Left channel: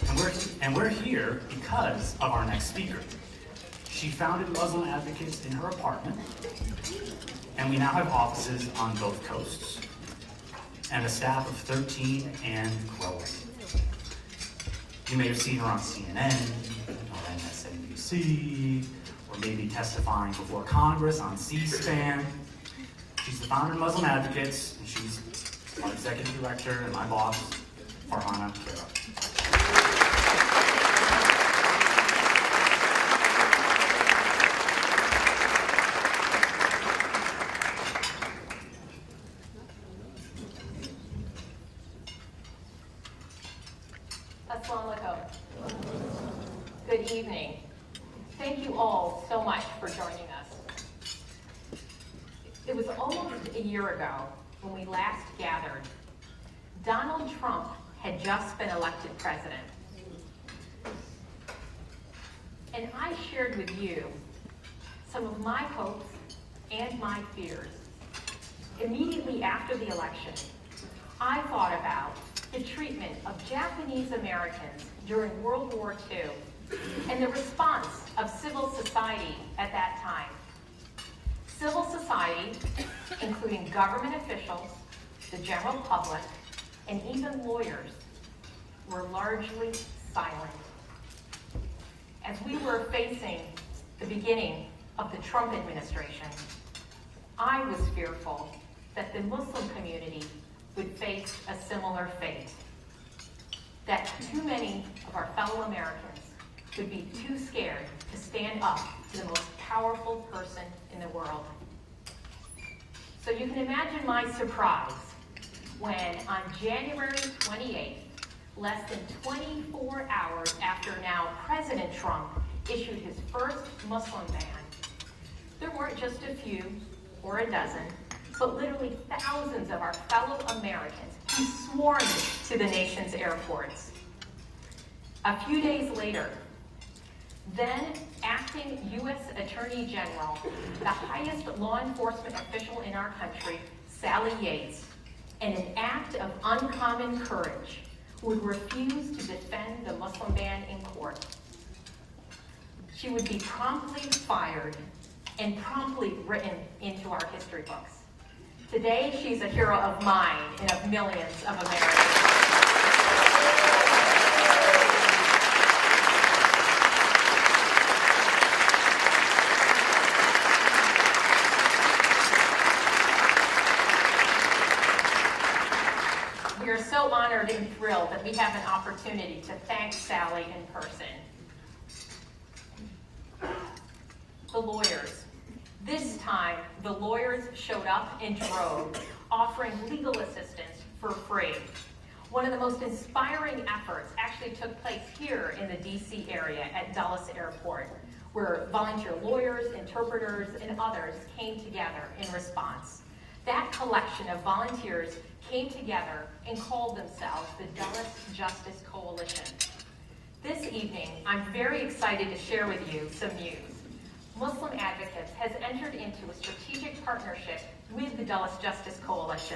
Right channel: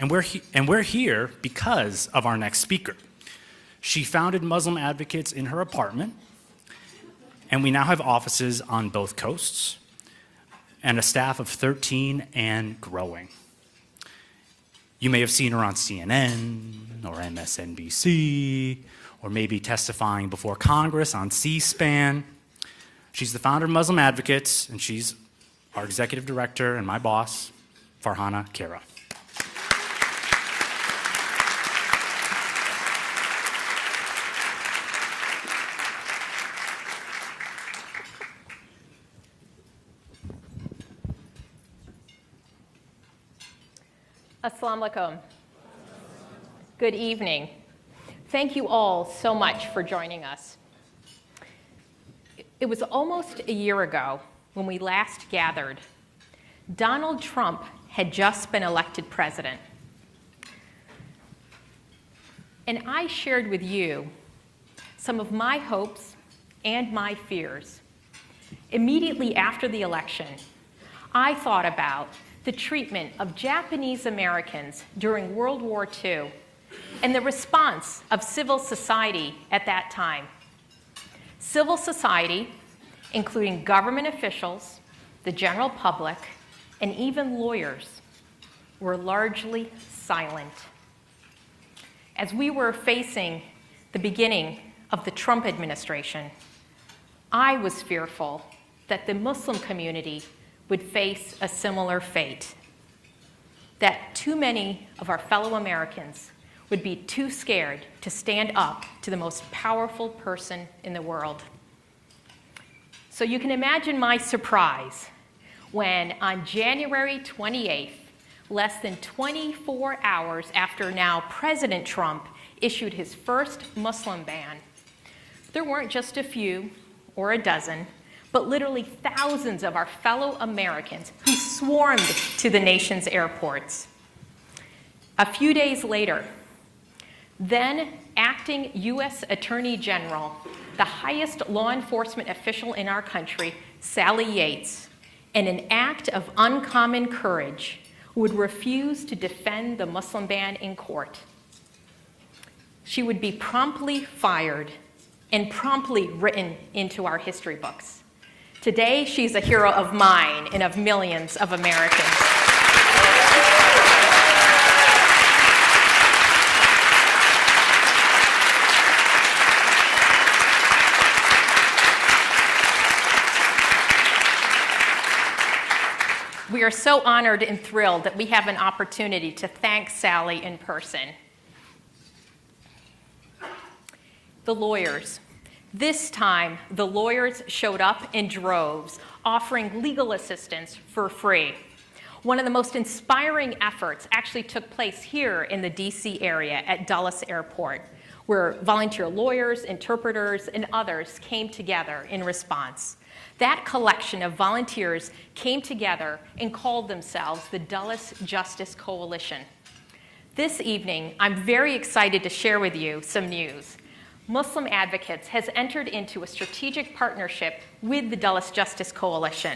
And we're here because of our next speaker. She founded Muslim Advocates in her apartment, and we now have offices on both coasts and a staff of 13 and growing. You may have seen her on CNN or MSNBC, or maybe testifying before Congress on C-SPAN. She's the founder of Muslim Advocates, and she's our executive director and my boss, Farhana Khera. Assalamu alaikum. Good evening. Thank you all so much for joining us. It was almost a year ago when we last gathered. Donald Trump had just been elected president. And I shared with you some of my hopes and my fears. Immediately after the election, I thought about the treatment of Japanese Americans during World War II and the response of civil society at that time. Civil society, including government officials, the general public, and even lawyers, were largely silent. As we were facing the beginning of the Trump administration, I was fearful that the Muslim community would face a similar fate, that too many of our fellow Americans would be too scared to stand up to the most powerful person in the world. So you can imagine my surprise when on January 28th, less than 24 hours after now President Trump issued his first Muslim ban, there weren't just a few or a dozen, but literally thousands of our fellow Americans who swarmed to the nation's airports. A few days later, then acting U.S. Attorney General, the highest law enforcement official in our country, Sally Yates, in an act of uncommon courage, would refuse to defend the Muslim ban in court. She would be promptly fired and promptly written into our history books. Today, she's a hero of mine and of millions of Americans. We are so honored and thrilled that we have an opportunity to thank Sally in person. The lawyers. This time, the lawyers showed up in droves, offering legal assistance for free. One of the most inspiring efforts actually took place here in the DC area at Dulles Airport, where volunteer lawyers, interpreters, and others came together in response. That collection of volunteers came together and called themselves the Dulles Justice Coalition. This evening, I'm very excited to share with you some news. Muslim Advocates has entered into a strategic partnership with the Dulles Justice Coalition.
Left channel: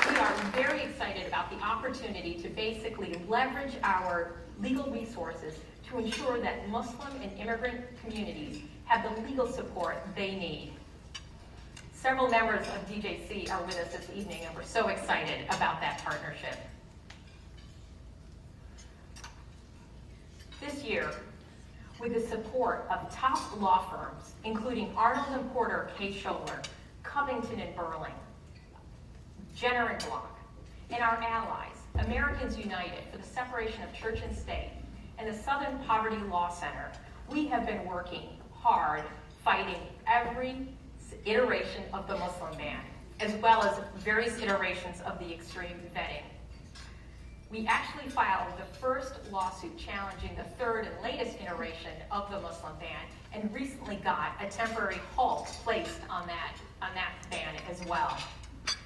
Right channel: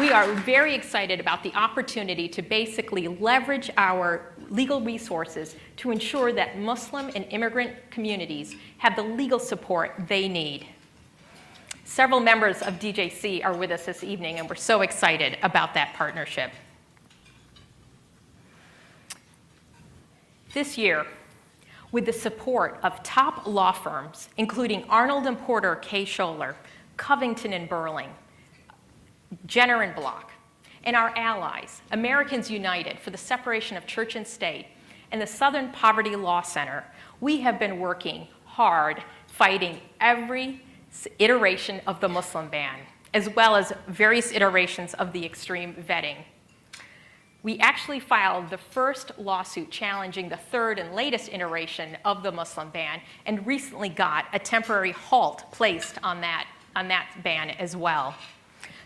We are very excited about the opportunity to basically leverage our legal resources to ensure that Muslim and immigrant communities have the legal support they need. Several members of DJC are with us this evening, and we're so excited about that partnership. This year, with the support of top law firms, including Arnold and Porter, Kay Scholler, Covington and Burling, Jenner and Block, and our allies, Americans United for the Separation of Church and State, and the Southern Poverty Law Center, we have been working hard fighting every iteration of the Muslim ban, as well as various iterations of the extreme vetting. We actually filed the first lawsuit challenging the third and latest iteration of the Muslim ban, and recently got a temporary halt placed on that ban as well.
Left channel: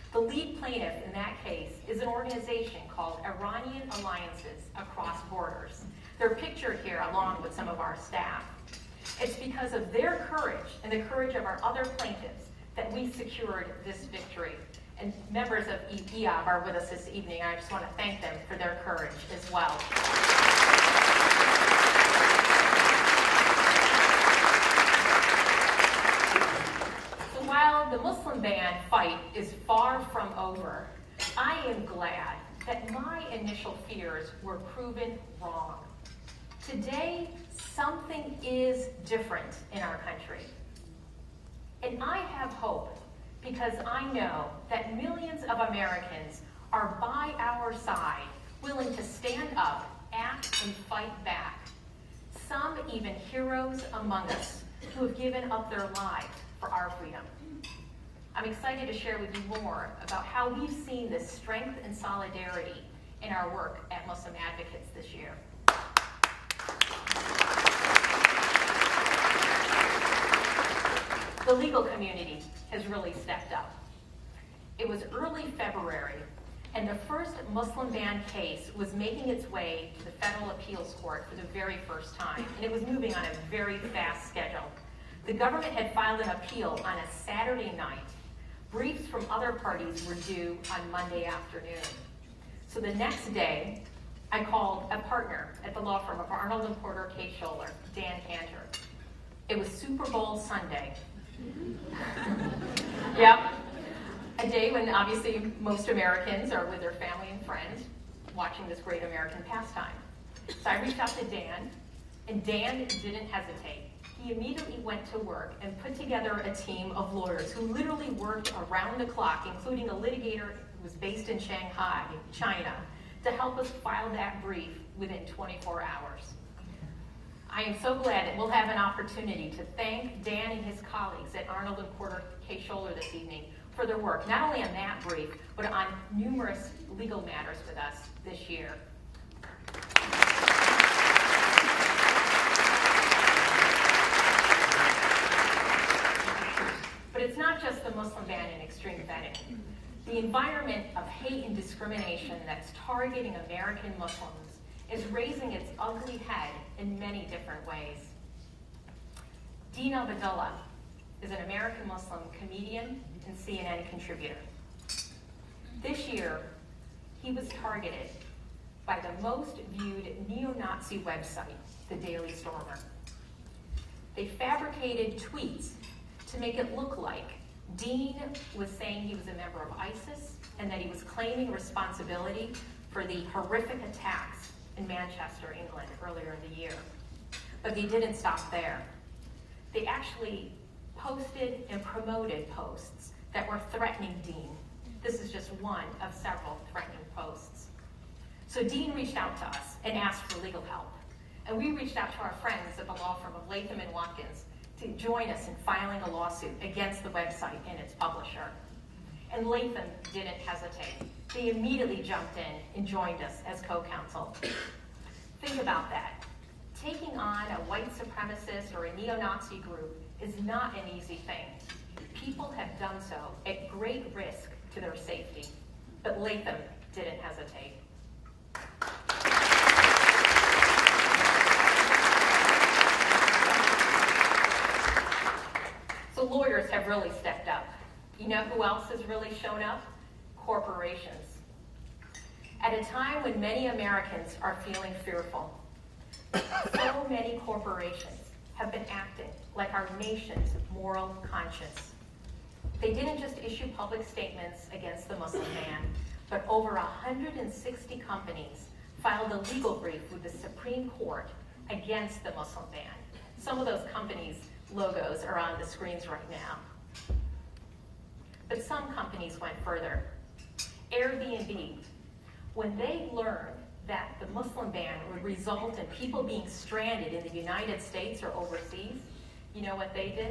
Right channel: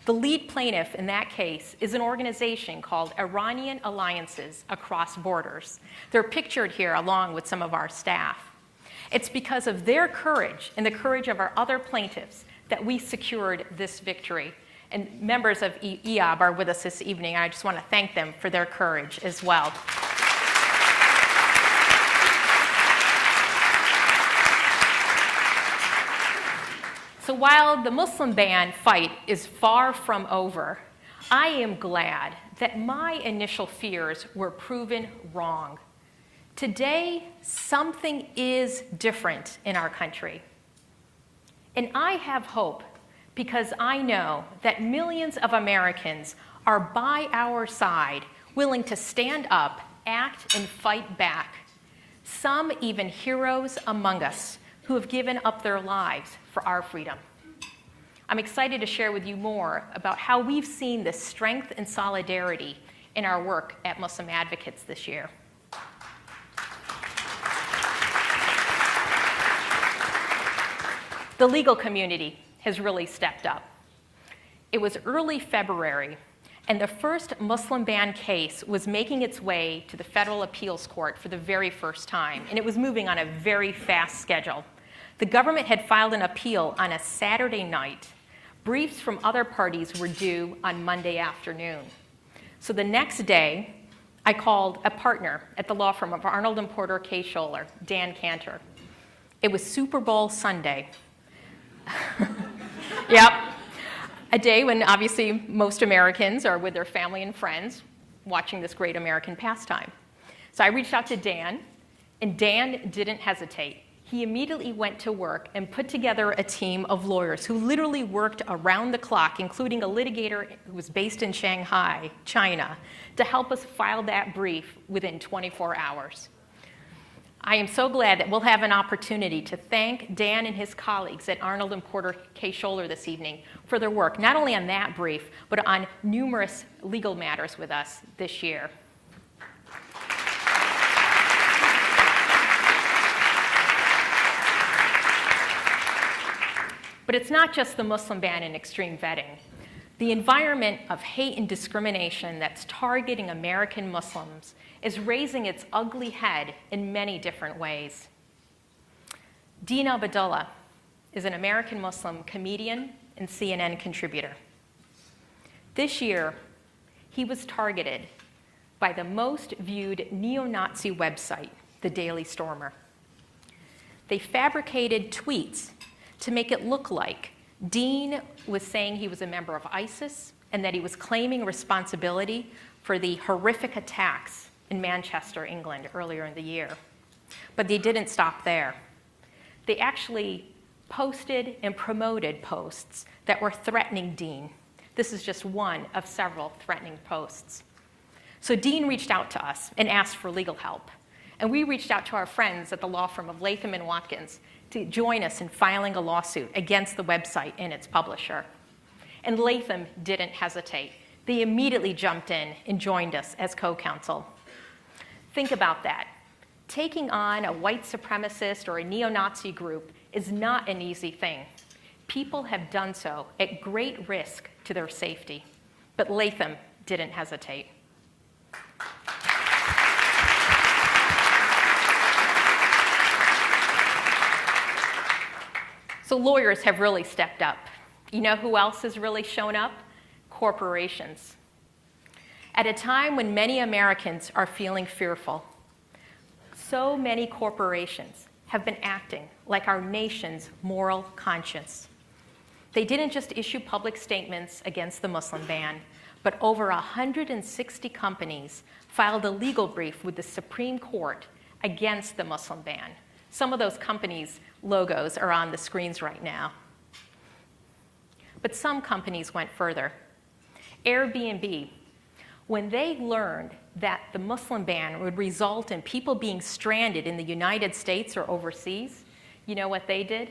The lead plaintiff in that case is an organization called Iranian Alliances Across Borders. They're pictured here along with some of our staff. It's because of their courage and the courage of our other plaintiffs that we secured this victory. And members of EOB are with us this evening, and I just want to thank them for their courage as well. So while the Muslim ban fight is far from over, I am glad that my initial fears were proven wrong. Today, something is different in our country. And I have hope because I know that millions of Americans are by our side, willing to stand up, act, and fight back. Some even heroes among us who have given up their lives for our freedom. I'm excited to share with you more about how we've seen this strength and solidarity in our work at Muslim Advocates this year. The legal community has really stepped up. It was early February, and the first Muslim ban case was making its way to the Federal Appeals Court for the very first time, and it was moving on a very fast schedule. The government had filed an appeal on a Saturday night. Briefs from other parties were due on Monday afternoon. So the next day, I called a partner at the law firm of Arnold and Porter Case-Scholer, Dan Cantor. It was Super Bowl Sunday. Yep. A day when obviously most Americans are with their family and friends watching this great American pastime. So I reached out to Dan, and Dan didn't hesitate. He immediately went to work and put together a team of lawyers who literally worked around the clock, including a litigator who was based in Shanghai, China, to help us file that brief within 24 hours. I am so glad that we'll have an opportunity to thank Dan and his colleagues at Arnold and Porter Case-Scholer this evening for their work, not only on that brief, but on numerous legal matters with us this year. But it's not just the Muslim ban and extreme vetting. The environment of hate and discrimination that's targeting American Muslims is raising its ugly head in many different ways. Dean Abdullah is an American Muslim comedian and CNN contributor. This year, he was targeted by the most viewed neo-Nazi website, the Daily Stormer. They fabricated tweets to make it look like Dean was saying he was a member of ISIS and that he was claiming responsibility for the horrific attacks in Manchester, England, earlier in the year. But they didn't stop there. They actually posted and promoted posts that were threatening Dean. This is just one of several threatening posts. So Dean reached out to us and asked for legal help. And we reached out to our friends at the law firm of Latham & Watkins to join us in filing a lawsuit against the website and its publisher. And Latham didn't hesitate. They immediately jumped in and joined us as co-counsel. Think about that. Taking on a white supremacist or a neo-Nazi group is not an easy thing. People have done so at great risk to their safety, but Latham didn't hesitate. So lawyers have really stepped up. You know who else has really shown up? Corporations. At a time when many Americans are feeling fearful, so many corporations have been acting like our nation's moral conscience. They didn't just issue public statements against the Muslim ban, but over 160 companies filed a legal brief with the Supreme Court against the Muslim ban. Some of those companies' logos are on the screens right now. But some companies went further. Airbnb, when they learned that the Muslim ban would result in people being stranded in the United States or overseas, you know what they did?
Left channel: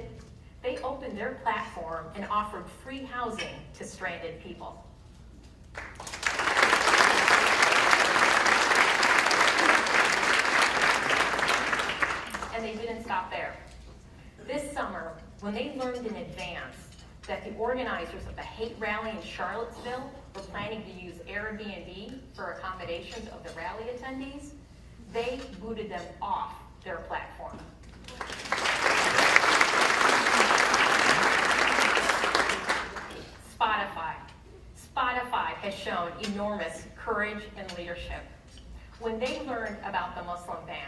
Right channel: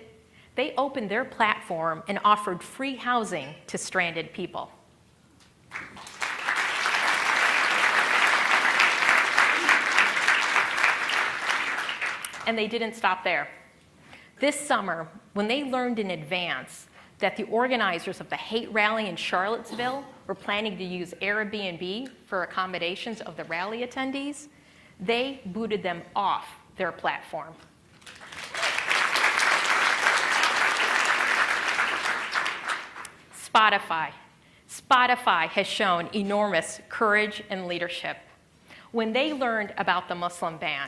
They opened their platform and offered free housing to stranded people. And they didn't stop there. This summer, when they learned in advance that the organizers of the hate rally in Charlottesville were planning to use Airbnb for accommodations of the rally attendees, they booted them off their platform. Spotify. Spotify has shown enormous courage and leadership. When they learned about the Muslim ban,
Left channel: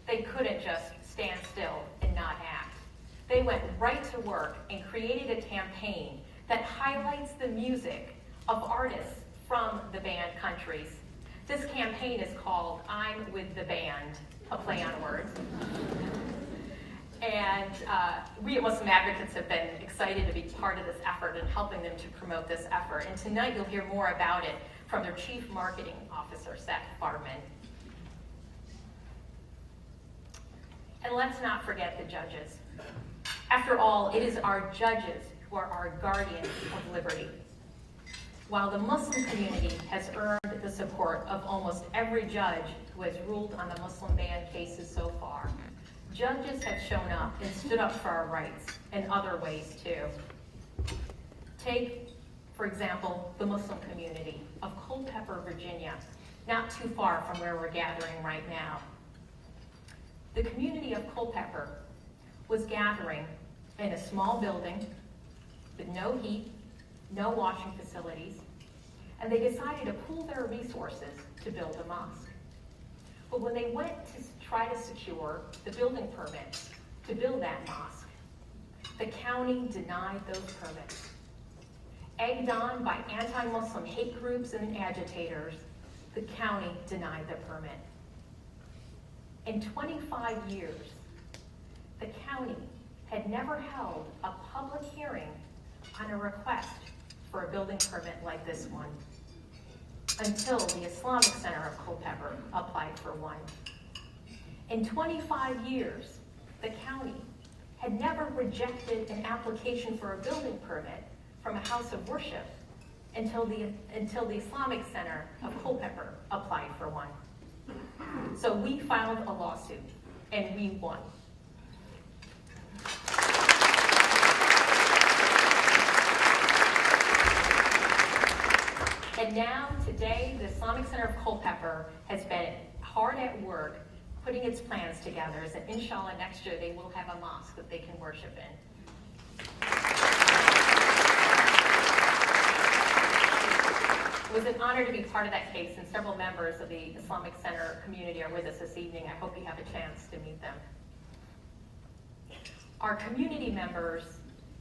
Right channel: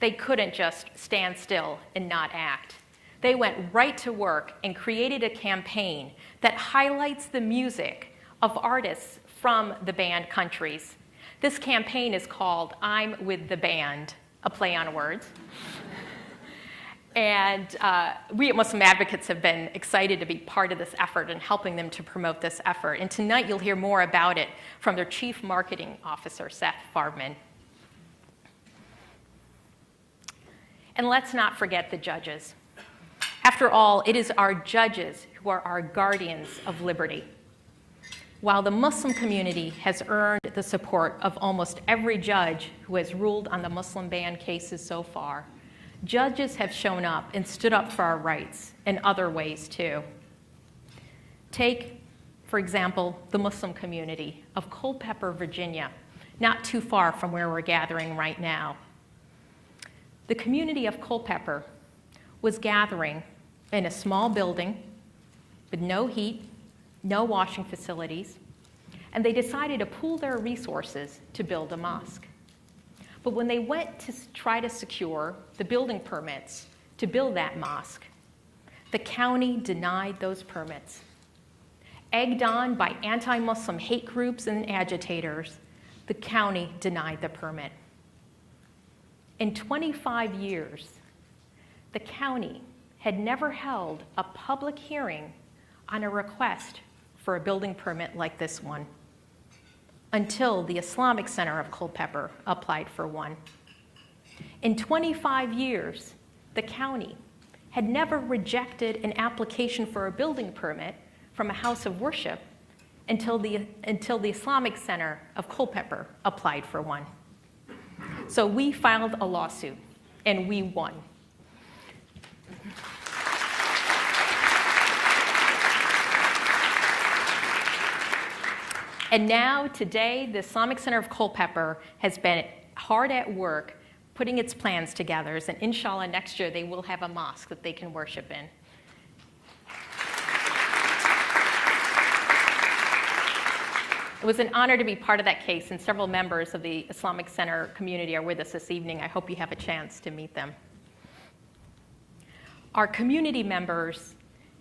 they couldn't just stand still and not act. They went right to work and created a campaign that highlights the music of artists from the banned countries. This campaign is called I'm With the Band, a play on words. And we at Muslim Advocates have been excited to be part of this effort and helping them to promote this effort. And tonight you'll hear more about it from their Chief Marketing Officer, Seth Farbman. And let's not forget the judges. After all, it is our judges who are our guardians of liberty. While the Muslim community has earned the support of almost every judge who has ruled on the Muslim ban cases so far, judges have shown up and stood up for our rights in other ways too. Take, for example, the Muslim community of Culpeper, Virginia, not too far from where we're gathering right now. The community of Culpeper was gathering in a small building with no heat, no washing facilities, and they decided to pool their resources to build a mosque. But when they went to try to secure the building permits to build that mosque, the county denied those permits. Egged on by anti-Muslim hate groups and agitators, the county denied the permit. In 25 years, the county had never held a public hearing on a request for a building permit like this one, until the Islamic Center of Culpeper applied for one. In 25 years, the county had never rejected an application for a building permit from a house of worship until the Islamic Center of Culpeper applied for one. So we filed a lawsuit, and we won. And now, today, the Islamic Center of Culpeper has been hard at work putting its plans together, and inshallah, next year they will have a mosque that they can worship in. It was an honor to be part of that case, and several members of the Islamic Center community are with us this evening. I hope you have a chance to meet them. Our community members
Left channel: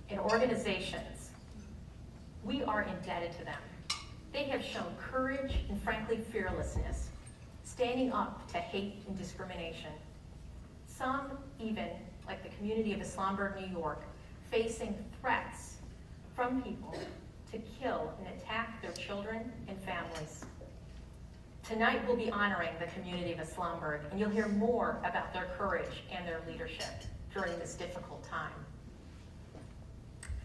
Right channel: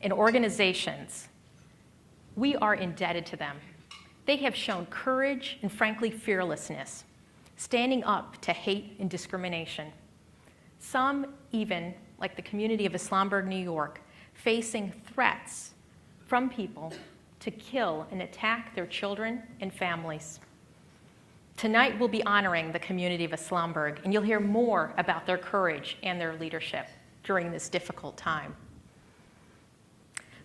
and organizations, we are indebted to them. They have shown courage and, frankly, fearlessness, standing up to hate and discrimination. Some even, like the community of Islamburg, New York, facing threats from people to kill and attack their children and families. Tonight we'll be honoring the community of Islamburg, and you'll hear more about their courage and their leadership during this difficult time.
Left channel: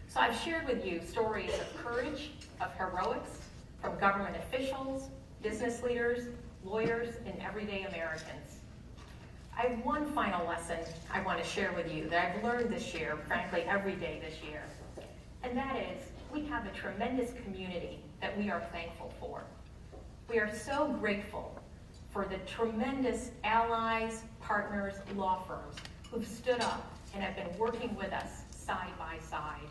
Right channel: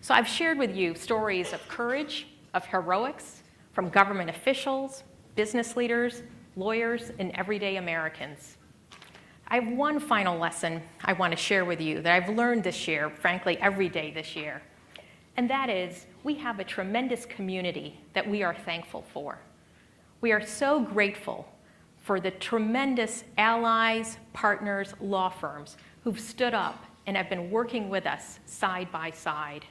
So I've shared with you stories of courage, of heroics, from government officials, business leaders, lawyers, and everyday Americans. I have one final lesson I want to share with you that I've learned this year, frankly, every day this year. And that is, we have a tremendous community that we are thankful for. We are so grateful for the tremendous allies, partners, law firms who've stood up and have been working with us side by side.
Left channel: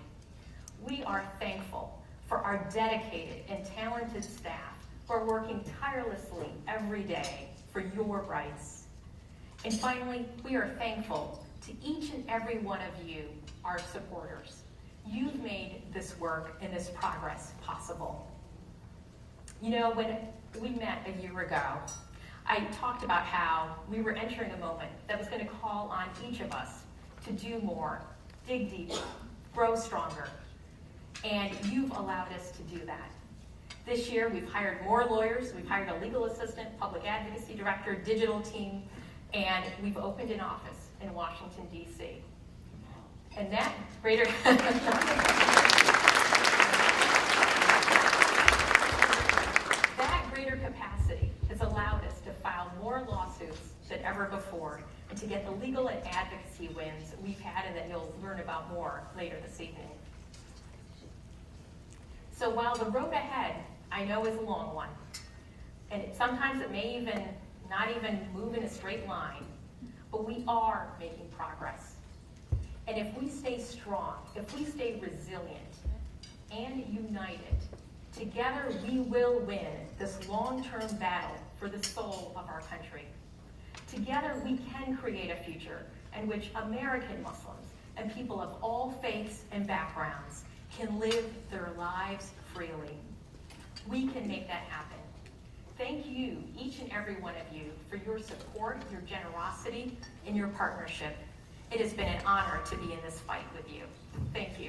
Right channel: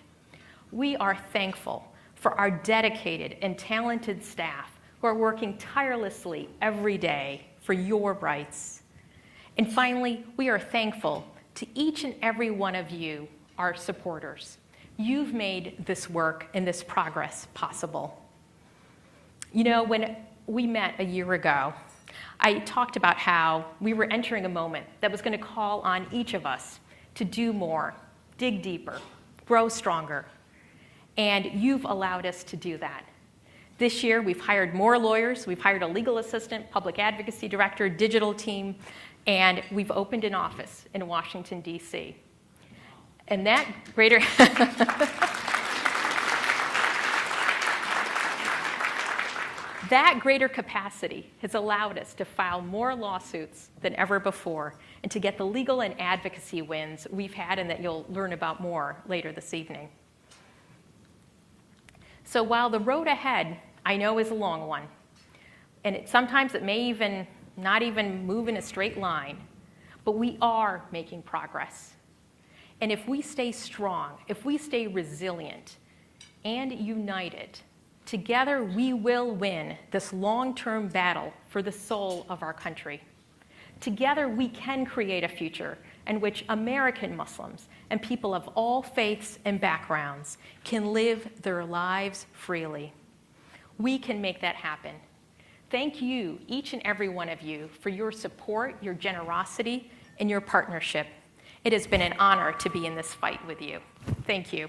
We are thankful for our dedicated and talented staff who are working tirelessly every day for your rights. And finally, we are thankful to each and every one of you, our supporters. You've made this work and this progress possible. You know, when we met a year ago, I talked about how we were entering a moment that was going to call on each of us to do more, dig deeper, grow stronger. And you've allowed us to do that. This year, we've hired more lawyers, we've hired a legal assistant, public advocacy director, digital team, and we've opened an office in Washington, D.C. And that greater that greater capacity has allowed us to file more lawsuits than ever before and to get the legal and advocacy wins we've had and that you'll learn about more later this evening. So while the road ahead, I know, is a long one, and sometimes it may even not even move in a straight line, but we are making progress. And if we stay strong, if we stay resilient, and united, together we will win this long-term battle for the soul of our country. Together we can create a future in which American Muslims and people of all faiths and backgrounds can live their lives freely. We can make that happen. Thank you, each and every one of you, for your support, your generosity, and your partnership. It has been an honor to be in this fight with you. Thank you.